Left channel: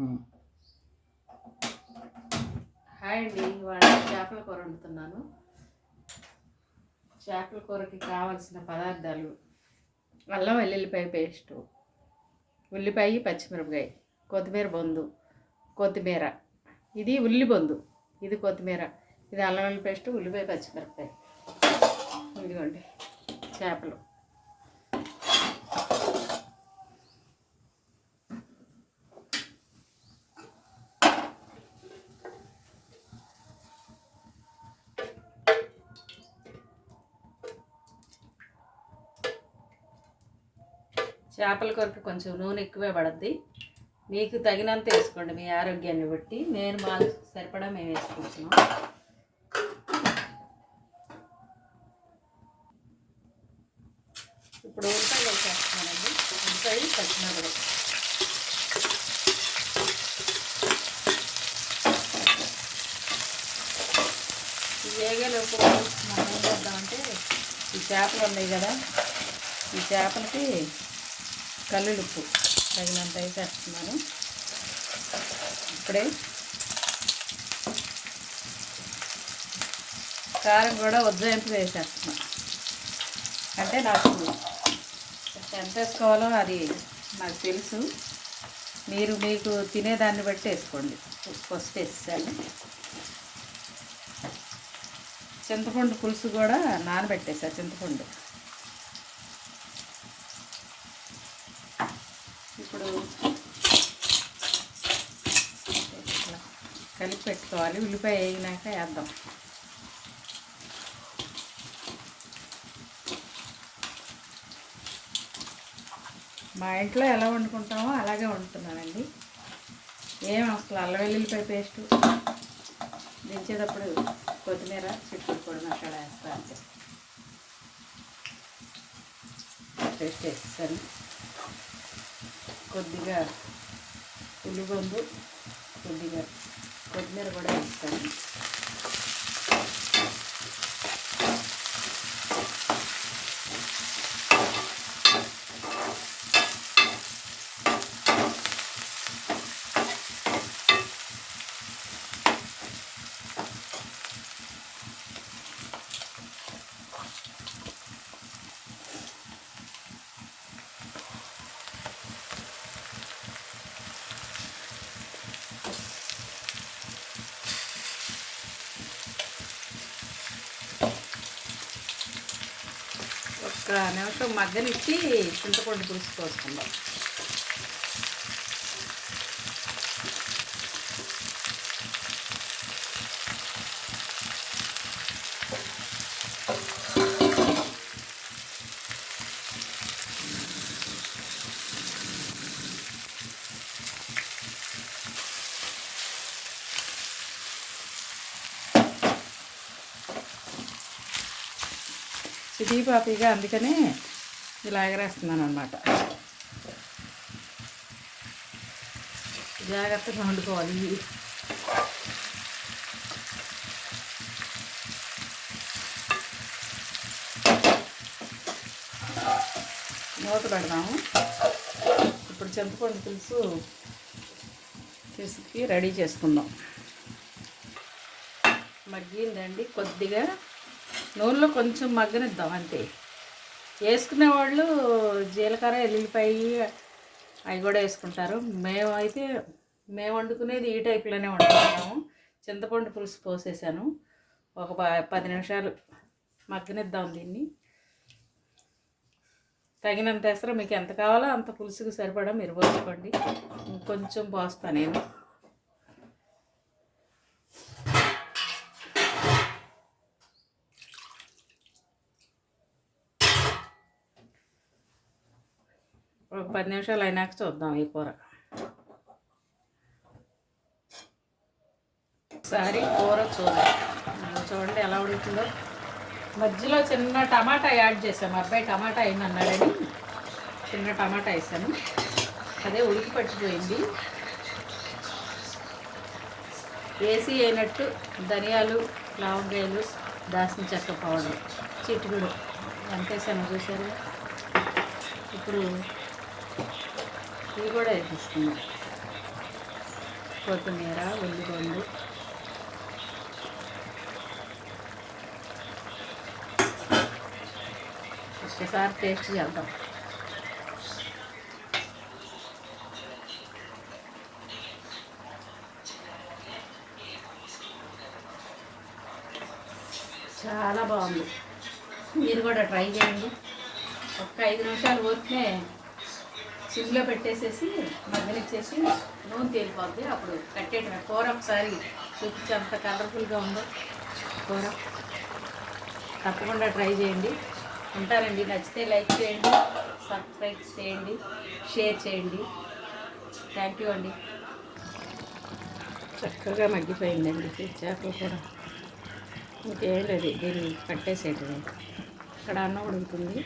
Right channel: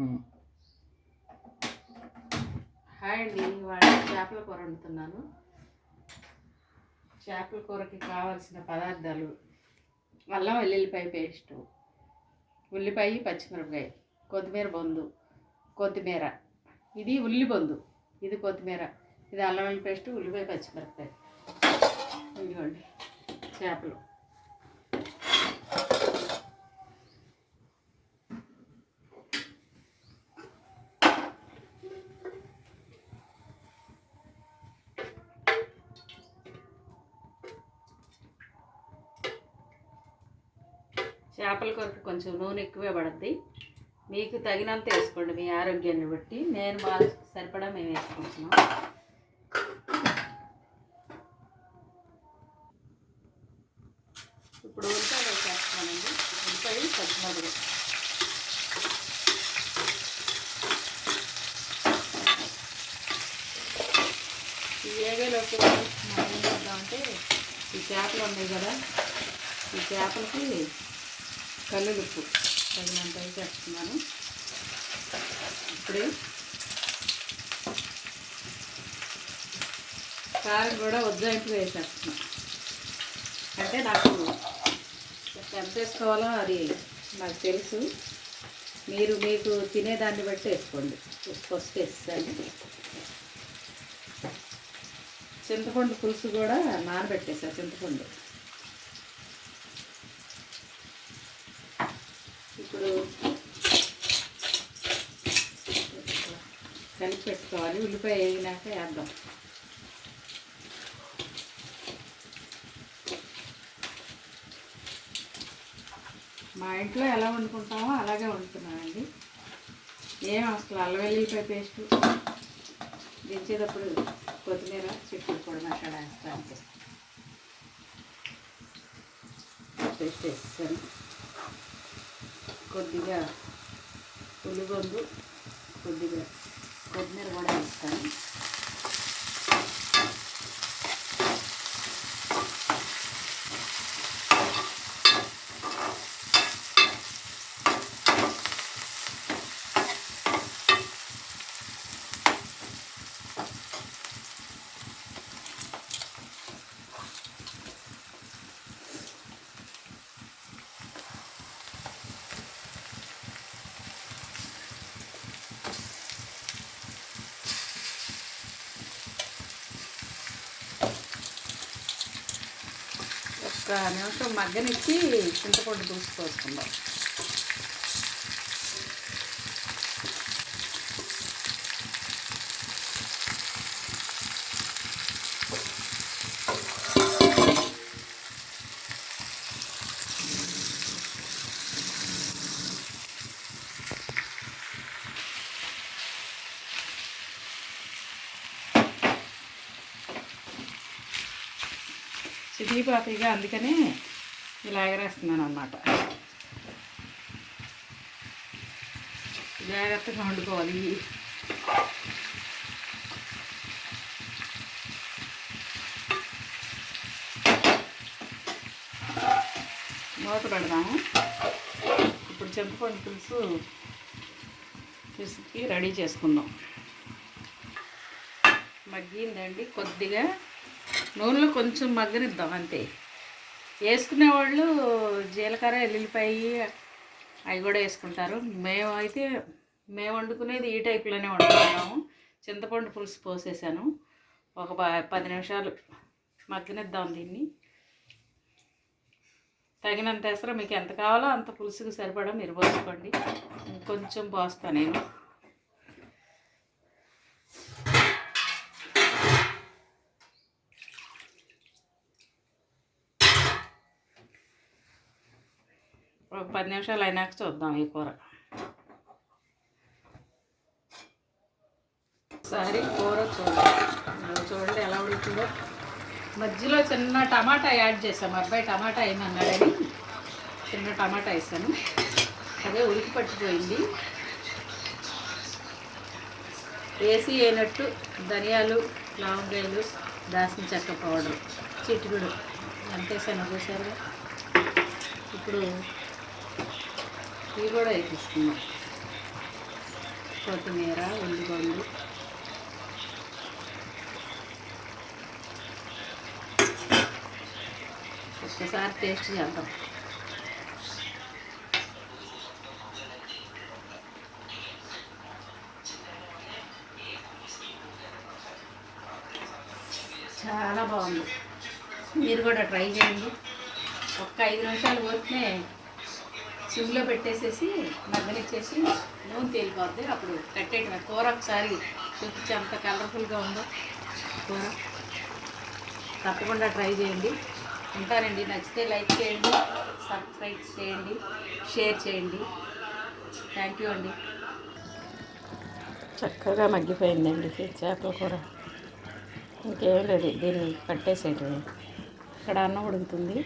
Hi అండి, ఇవాళ చేపల కూర వండుతున్నాను. చేపల కూరకి కావాల్సిన పదార్థాలు: అల్లం వెల్లుల్లిపాయ పేస్టు, ఉల్లిపాయ పచ్చిమిరపకాయ, కొత్తిమీర బొందు, కొత్తిమీర, ఇది ఉల్లి బొందు, ఇది కొత్తిమీర, ఇది అల్లం వెల్లుల్లి పేస్టు, ఉల్లిపాయ పచ్చిమిరపకాయ. ఇదిగోండి చేపలు. చేపల కొరకు కొంచెం నూనె ఎక్కువే పడుద్ది, మీకు తగినంత వేసుకోండి మీ ఆరోగ్యాన్ని బట్టి. నేను బాగా సరిపడా మేము వేసుకుంటున్నాం. ఇప్పుడు ఉల్లిపాయలు చేస్తున్నానండి. ఉల్లిపాయ పచ్చిమిరపకాయ ఈ ఏగలోపు మనం ఏం చేద్దామంటే, ఈ చేపలు ఉన్నాయి కదా, ఈ చేపలకి కల్లులుప్పు తగినంత వేసేస్తున్నాను. ఇప్పుడే కారం కూడా ఉజ్జాయింపు వేసేస్తున్నాను. అంటే నాకు ఎంత వేసుకోవాలో అది నాకు తెలుసు, మీరు మీకు తినేదాన్ని బట్టి వేసుకోండి. ఫస్ట్ వేసాను. చింతపండు పులుసు కూడా నానబెట్టేసా. చింతపండు ఇప్పుడు కలిపి పెట్టుకోవాలి. ఉల్లిపాయ వేగినాక వేద్దాం. మా ఇంట్లో ఎలా వండుకుంటామో అలాగే వండుతున్నామండి. ఏం అసలు అల్లం వెల్లుల్లిపాయ పేస్టు దించేటప్పుడు కొత్తిమీర చిక్కుడు కూడా మసాలా వేస్తా. అంతే పేస్ట్ వేస్తాను. కొద్దిగా ఉల్లిగొందు, కొద్దిగా కొత్తిమీర కూడా వేస్తాను. ఒక నిమిషం మగ్గనిచ్చి చింతపండు దూసుకోసుకుందాం. చిటిపాపిగా అందుకనే ఇలా ఎగరేస్తున్నాను అన్నమాట. జాగ్రత్తగా వండుకోవాలి. మూత పెడదాము. ఇప్పుడు చింతపండు పులుసు పిసికి రెడీ చేసుకుందాం. మగ్గిందండి. కొద్దిగా నూనెలో కొంచెం మగ్గనిద్దాం అంతే. వేసుకునే వాళ్ళు జీలకర్ర, ఎల్లుల్లిపాయ అవి కూడా వేసుకుంటారు. మేము వండుకునేది ఈ టైప్లోనే వండుకుంటాము. చింతపండు పులుసు పోసేసాను. ఒక 10 నిమిషాలు మగ్గనిద్దాం దీన్ని. తగినంత వేస్తారా, మీకు ఎంత కావాలో అంత పులుసుకు సరిపడా మీరు పోసుకోండి. కొంచెం పోస్తాను నేను. ఒక 10 నిమిషాలు అయినాక చూద్దాం ఈ కూర. ఒకసారి కూర చూడండి ఎలా ఉడుకుతుందో. మధ్యలో చిన్న టమాటా యాడ్ చేసాము. అబ్బాయి టమాటా అయిందన్నాడని చిన్న టమాటా వేసాను. అదే ఉడికి పట్టిపోయింది. వేసి అయినట్టు ధనియాలు, లవంగాయలు, దాల్చిన చెక్క పౌడర్ చిటికెడు ఎంత వేసామో చూసారు. ఇప్పుడు ఇవి కూడా వేపిస్తున్నాం. కొత్తిమీర, ఉల్లిగడ్డలు, ఒక్కసారి టేస్ట్ చేద్దాం. చాలా బాగుంది. మీరు కూడా ట్రై చేయండి. ఒక్క 5 నిమిషాలు పోతే సిమ్లో పెట్టేసేసి మగ్గనిచ్చేసి నూనె తేలిపోద్ది. అప్పుడు కట్టేయటమే. కూర ఒకసారి చూపించి అంత కలర్ఫుల్గా ఉందో కూర. తప్పకుండా ట్రై చేయండి. ఉంటారండి. నచ్చితే లైక్ చేయండి, సబ్స్క్రైబ్ చేయండి, షేర్ చేయండి. థ్యాంక్ యూ అండి. చక్కగా మగ్గిపోయిందండి చేపల కూర. ఇంకేం లేదు, దీన్ని కట్టేసేయండి. ఇక్కడ అన్నం ఉడుకుతుంది.